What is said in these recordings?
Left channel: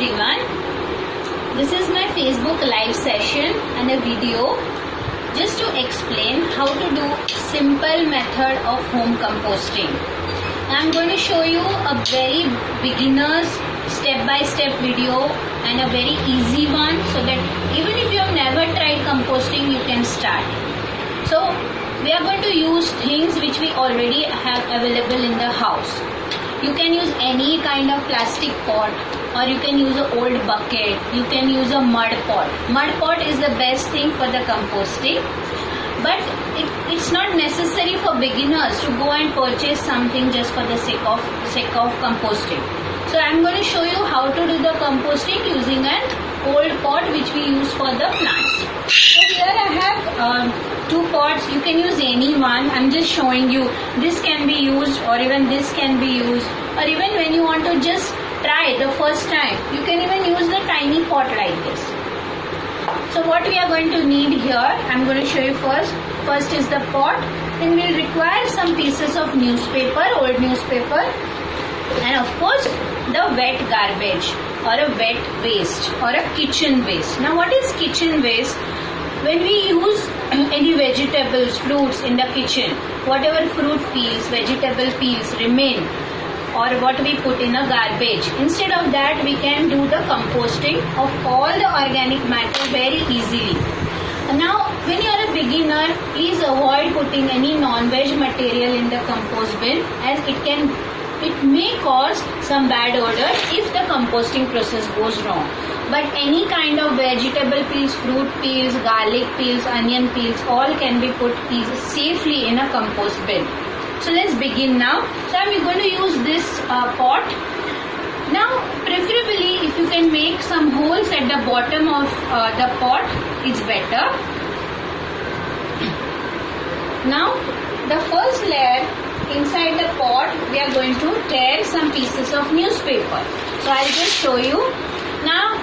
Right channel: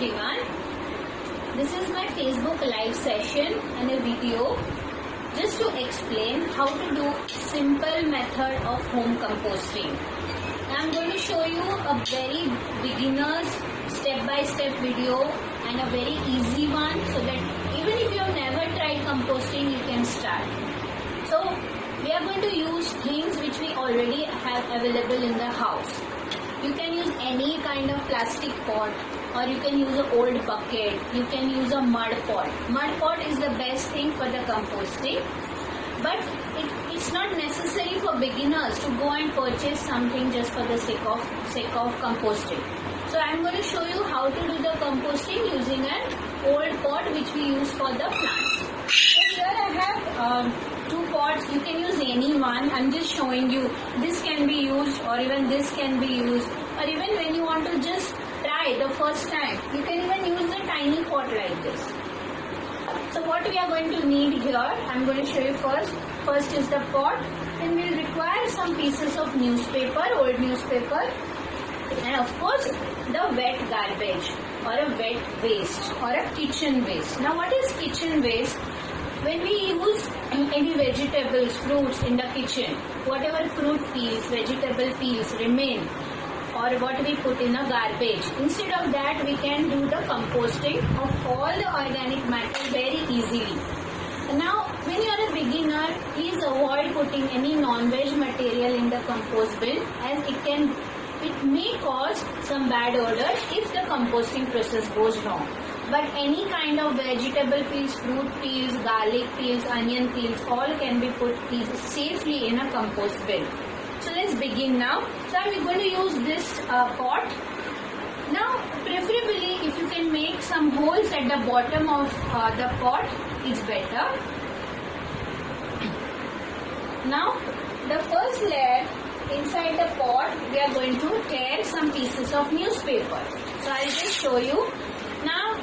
everyone. This is my Facebook live session and a video just to explain how to do simple method of home composting. I'm going to show you a very beginner's step-by-step video and a very easy one, so that even if you have never tried composting, you can start. So we are going to use things which we already have available in the house. You can use any kind of plastic pot, or you can use an old bucket. You can use a mud pot. Mud pot is the best thing for the composting, but it's not necessary for beginners to go and purchase something just for the sake of composting. So I'm going to show you how to do the composting using an old pot which we use for the plants. So here I have two pots. You can use any one. I'm just showing you this can be used, or even this can be used, or even when you want to just try the first time, you can even use the tiny pot like this. So what we are going to need here, I'm going to show you first. First is the pot. Then we'll require some pieces of newspaper, old newspaper, and of course the wet garbage or a wet waste or a kitchen waste. Now what is kitchen waste? When we use any vegetables, fruits in the kitchen, whatever fruit peels, vegetable peels remain, or what we put in a garbage, instead of that we can do the composting of all the organic matter very easily. Now when you are a beginner, please avoid putting any non-veg material in the compost bin, as it may cause some bad odor if the composting process goes wrong. But any kind of vegetable peels, fruit peels, garlic peels, onion peels, all can be put safely in a compost bin. So let's begin now. So I'm going to use this pot. Now preferably if you can make some holes at the bottom of the pot, it's better. Now the first layer, inside the pot we are going to tear some pieces of newspaper. So I'll just show you. Now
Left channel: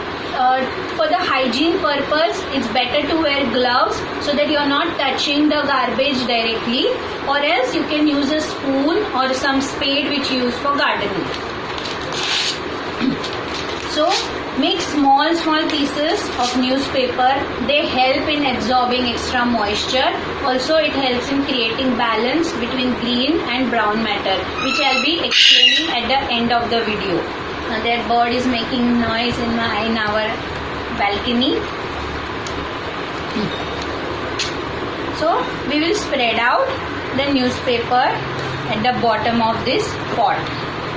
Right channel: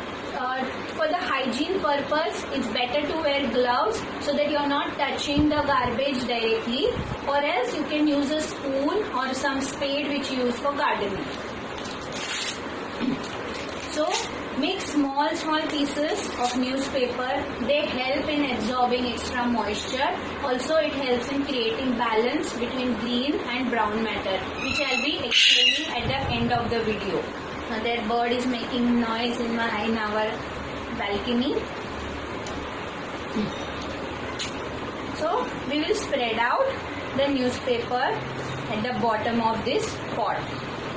for the hygiene purpose, it's better to wear gloves so that you're not touching the garbage directly, or else you can use a spoon or some spade which you use for gardening. So make small pieces of newspaper. They help in absorbing extra moisture. Also it helps in creating balance between green and brown matter, which I'll be explaining at the end of the video. Now that bird is making noise in our balcony. So we will spread out the newspaper at the bottom of this pot.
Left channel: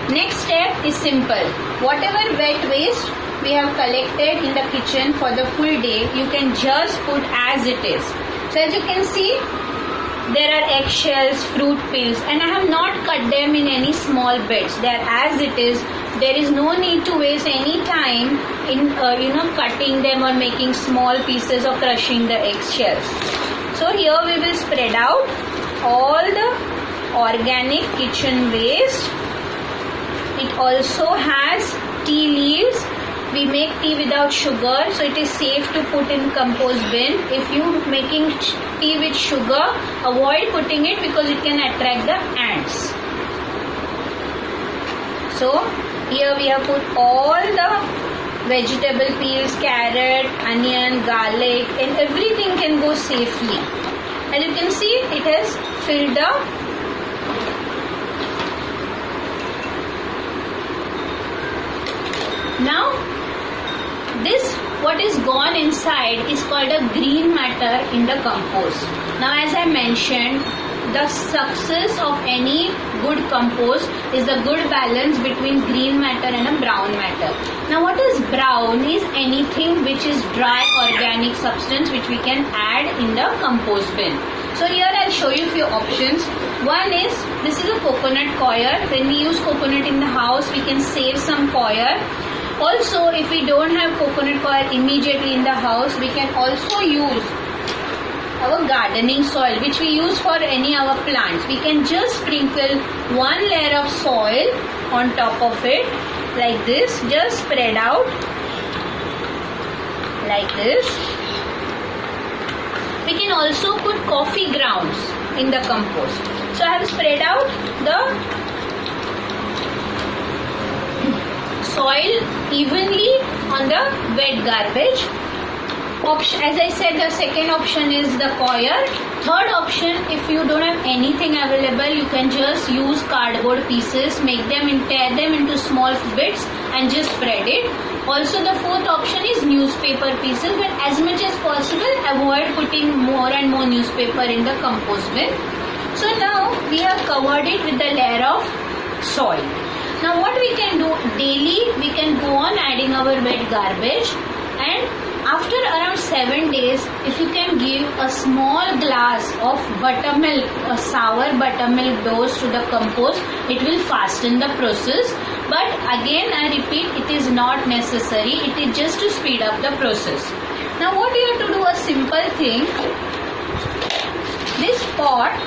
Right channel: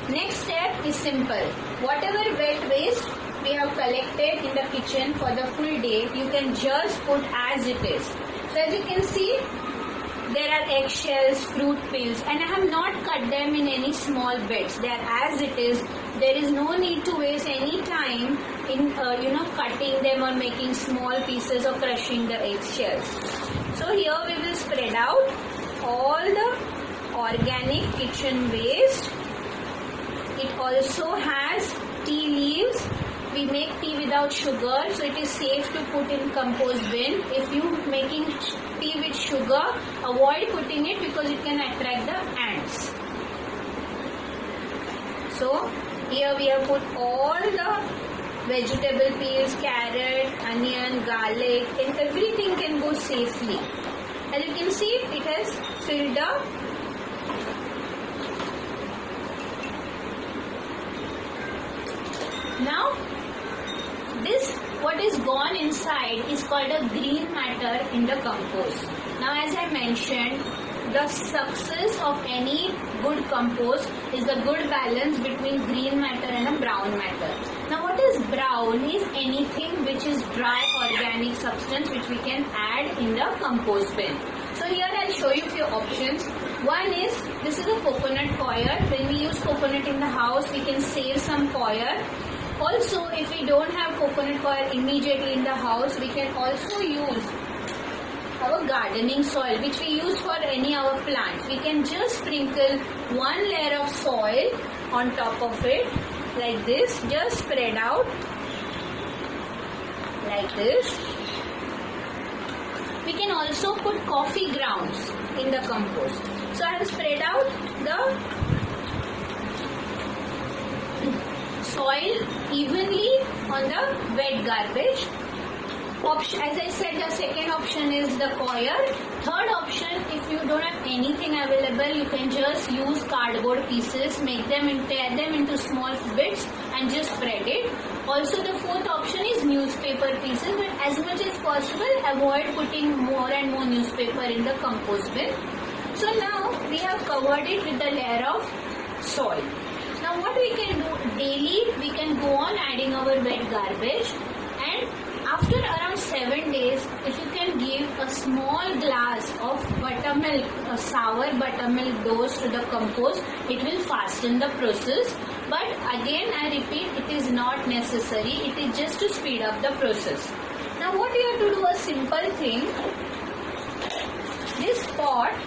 Next step is simple. Whatever wet waste we have collected in the kitchen for the full day, you can just put as it is. So as you can see, there are eggshells, fruit peels, and I have not cut them in any small bits. They are as it is. There is no need to waste any time in cutting them or making small pieces or crushing the eggshells. So here we will spread out all the organic kitchen waste. It also has tea leaves. We make tea without sugar, so it is safe to put in compost bin. If you making tea with sugar, avoid putting it because it can attract the ants. So here we have put all the vegetable peels, carrot, onion, garlic, and everything can go safely. As you can see, it has filled up. Now this what is gone inside is called a green matter in the compost. Now as I mentioned, the success of any good compost is a good balance between green matter and a brown matter. Now what is brown is anything which is dry organic substance which we can add in the compost bin. So here I'll show you a few options. One is, this is a coconut coir. When we use coconut in the house, we can save some coir. Also, if we don't have coconut coir immediately in the house, we can also use our gardening soil which we use for any of our plants. We can just sprinkle one layer of soil on top of it like this, just spread out like this. We can also put coffee grounds in the compost. So I have spread out the soil evenly wet garbage. Option, as I said, the second option is the coir. Third option, if you don't have anything available, you can just use cardboard pieces, make them and tear them into small bits and just spread it. Also, the fourth option is newspaper pieces, but as much as possible, avoid putting more and more newspaper in the compost bin. So now we have covered it with the layer of soil. Now what we can do daily, we can go on adding our wet garbage, and after around 7 days, if you can give a small glass of buttermilk, a sour buttermilk dose to the compost, it will fasten the process. But again, I repeat, it is not necessary. It is just to speed up the process. Now what you have to do, a simple thing. This pot,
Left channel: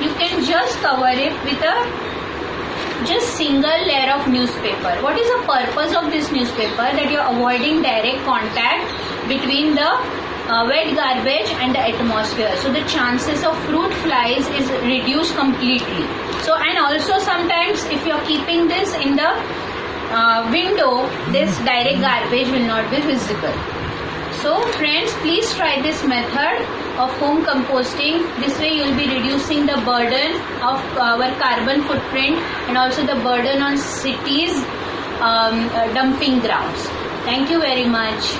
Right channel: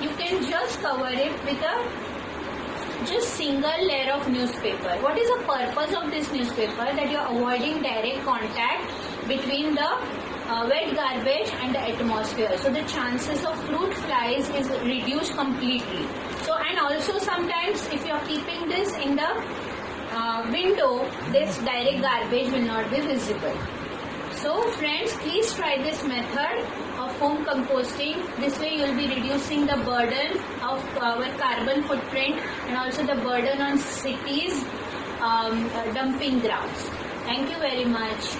you can just cover it with a just single layer of newspaper. What is the purpose of this newspaper? That you are avoiding direct contact between the wet garbage and the atmosphere. So the chances of fruit flies is reduced completely. So, and also sometimes if you are keeping this in the window, this direct garbage will not be visible. So friends, please try this method of home composting. This way you will be reducing the burden of our carbon footprint and also the burden on cities' dumping grounds. Thank you very much.